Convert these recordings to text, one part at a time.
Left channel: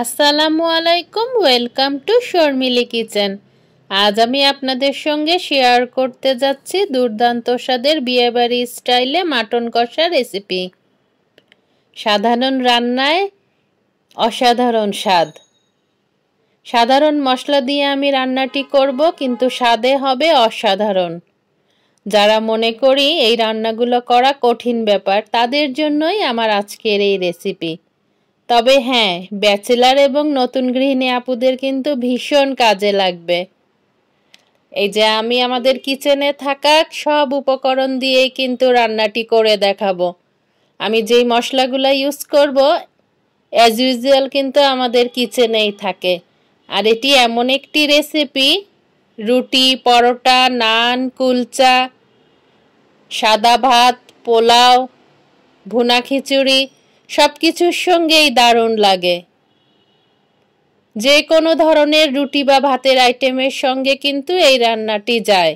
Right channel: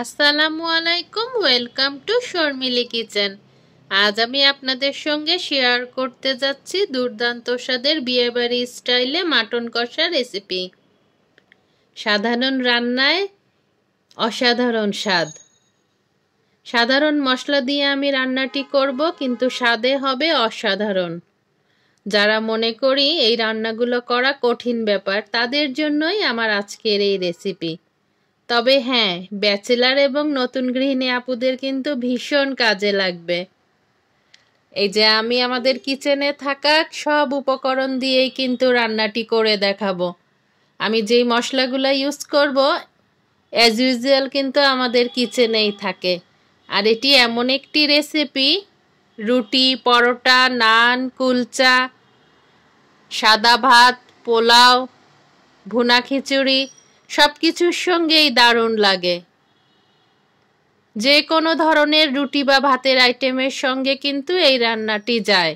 আসসালামু আলাইকুম, welcome to Sharmili kitchen. আজ আমি আপনাদের সঙ্গে শেয়ার করতে যাচ্ছি দুর্দান্ত স্বাদের বিয়েবাড়ি স্টাইলে মাটন কষা রেসিপি। সাধারণ রান্নায় অসাধারণ স্বাদ। সাধারণ মশলা দিয়ে আমি রান্নাটি করব, কিন্তু স্বাদে হবে অসাধারণ। যারা মনে করি এই রান্নাগুলো করা কঠিন ব্যাপার, তাদের জন্যই আমার আজকের এই রেসিপি। তবে হ্যাঁ, ব্যাচেলার এবং নতুন গৃহিণী আপুদের কিন্তু ভীষণ কাজে লাগবে। এই যে আমি আমাদের কিচেনে থাকা সব উপকরণ দিয়েই কিন্তু রান্নাটি করে দেখাবো। আমি যেই মশলাগুলো ইউজ করব অ্যাজ ইউজুয়াল কিন্তু আমাদের কিচেনেই থাকে। আর এটি এমন একটি রেসিপি, রুটি, পরোটা, নান, কুলচা, সাদা ভাত, পোলাও, ভুনা খিচুড়ি সব কিছুর সঙ্গেই দারুণ লাগে। যে কোনো ধরনের রুটি বা ভাতের আইটেমের সঙ্গে কিন্তু এই রান্নাটি যায়।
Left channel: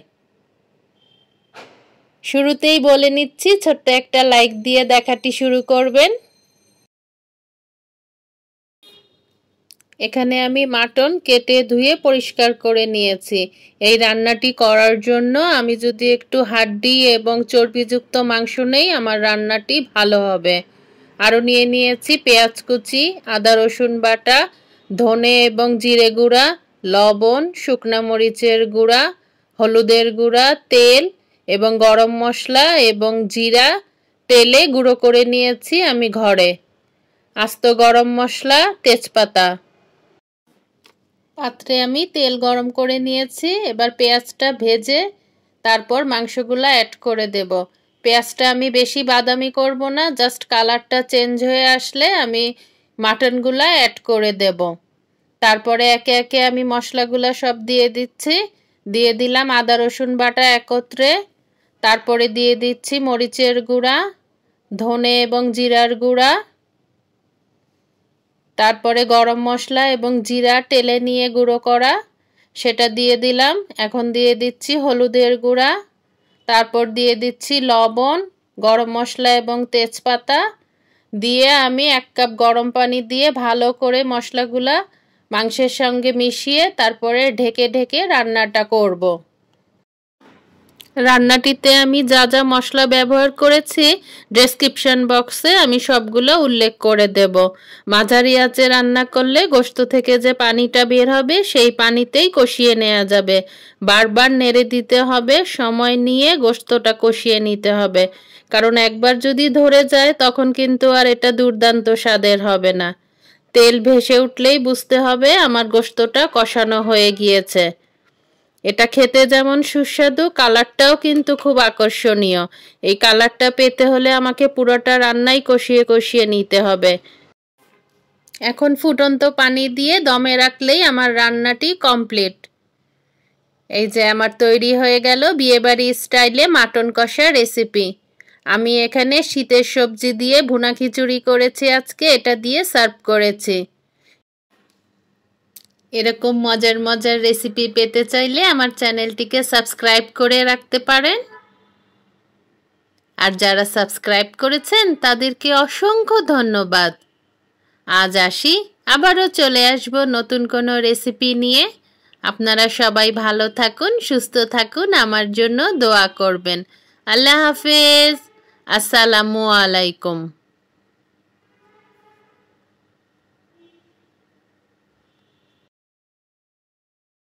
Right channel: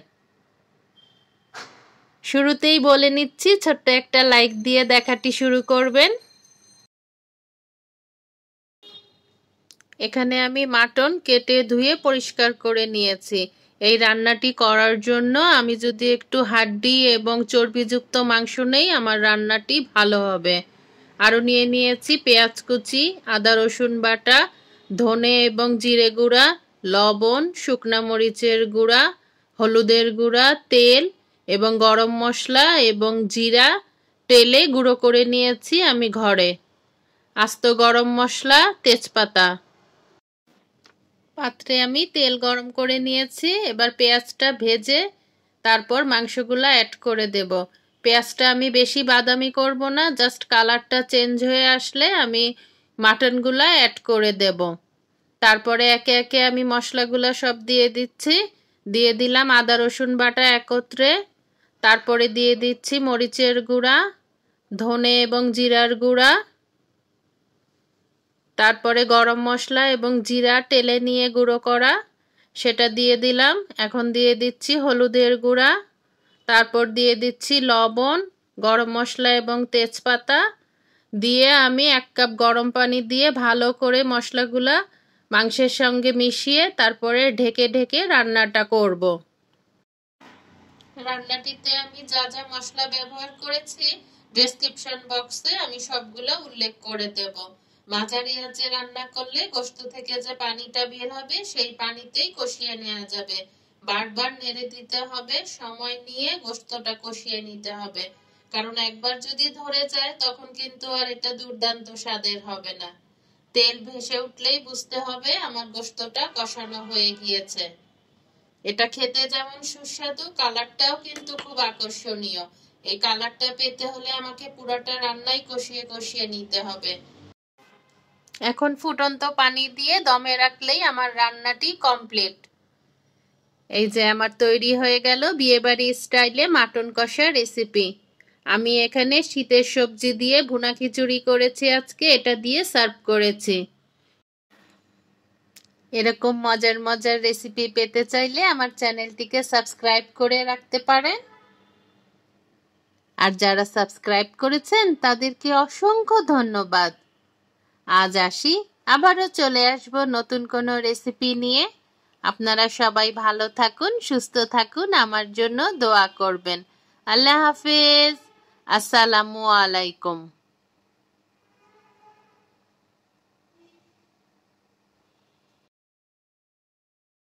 শুরুতেই বলে নিচ্ছি, ছোট্ট একটা লাইক দিয়ে দেখাটি শুরু করবেন। এখানে আমি মাটন কেটে ধুয়ে পরিষ্কার করে নিয়েছি। এই রান্নাটি করার জন্য আমি যদি একটু হাড্ডি এবং চর্বিযুক্ত মাংস নেই, আমার রান্নাটি ভালো হবে। আরও নিয়ে নিয়েছি পেঁয়াজ কুচি, আদা রসুন বাটা, ধনে এবং জিরে গুঁড়া, লবণ, শুকনা মরিচের গুঁড়া, হলুদের গুঁড়া, তেল এবং গরম মশলা এবং জিরা তেলে গুঁড়ো করে নিয়েছি আমি ঘরে। আস্ত গরম মশলা, তেজপাতা। পাত্রে আমি তেল গরম করে নিয়েছি। এবার পেঁয়াজটা ভেজে তারপর মাংসগুলা অ্যাড করে দেব। পেঁয়াজটা আমি বেশি বাদামি করব না, জাস্ট কালারটা চেঞ্জ হয়ে আসলে আমি মাটনগুলা অ্যাড করে দেব। তারপরে একে একে আমি মশলাগুলা সব দিয়ে দিচ্ছি। দিয়ে দিলাম আদা রসুন বাটা একত্রে, তারপরে দিয়ে দিচ্ছি মরিচের গুঁড়া, ধনে এবং জিরার গুঁড়া, তারপরে গরম মশলা এবং জিরা তেলে নিয়ে গুঁড়ো করা সেটা দিয়ে দিলাম। এখন দিয়ে দিচ্ছি হলুদের গুঁড়া, তারপর দিয়ে দিচ্ছি লবণ, গরম মশলা এবং তেজপাতা দিয়ে আমি 1 কাপ গরম পানি দিয়ে ভালো করে মশলাগুলা মাংসের সঙ্গে মিশিয়ে তারপরে ঢেকে ঢেকে রান্নাটা করব। রান্নাটিতে আমি যা যা মশলা ব্যবহার করেছি ডেসক্রিপশন বক্সে আমি সবগুলো উল্লেখ করে দেব। মাঝারি আঁচে রান্না করলে গোশত থেকে যে পানিটা বের হবে সেই পানিতেই কষিয়ে নেওয়া যাবে। বারবার নেড়ে দিতে হবে, সময় নিয়ে গোশতটা কষিয়ে নিতে হবে, কারণ একবার যদি ধরে যায় তখন কিন্তু আর এটা দুর্দান্ত স্বাদের হবে না। তেল ভেসে উঠলেই বুঝতে হবে আমার গোশতটা কষানো হয়ে গিয়েছে। এটা খেতে যেমন সুস্বাদু, কালারটাও কিন্তু খুব আকর্ষণীয়। এই কালারটা পেতে হলে আমাকে পুরোটা রান্নাই কষিয়ে কষিয়ে নিতে হবে। এখন ফুটন্ত পানি দিয়ে দমে রাখলেই আমার রান্নাটি কমপ্লিট। এই যে আমার তৈরি হয়ে গেল বিয়েবাড়ি স্টাইলে মাটন কষা রেসিপি। আমি এখানে শীতের সবজি দিয়ে ভুনা খিচুড়ি করেছি আজকে, এটা দিয়ে সার্ভ করেছি। এরকম মজার মজার রেসিপি পেতে চাইলে আমার চ্যানেলটিকে সাবস্ক্রাইব করে রাখতে পারেন। আর যারা সাবস্ক্রাইব করেছেন তাদেরকে অসংখ্য ধন্যবাদ। আজ আসি, আবারও চলে আসব নতুন কোনো রেসিপি নিয়ে। আপনারা সবাই ভালো থাকুন, সুস্থ থাকুন, আমার জন্য দোয়া করবেন। আল্লাহ হাফেজ, আসসালামু আলাইকুম।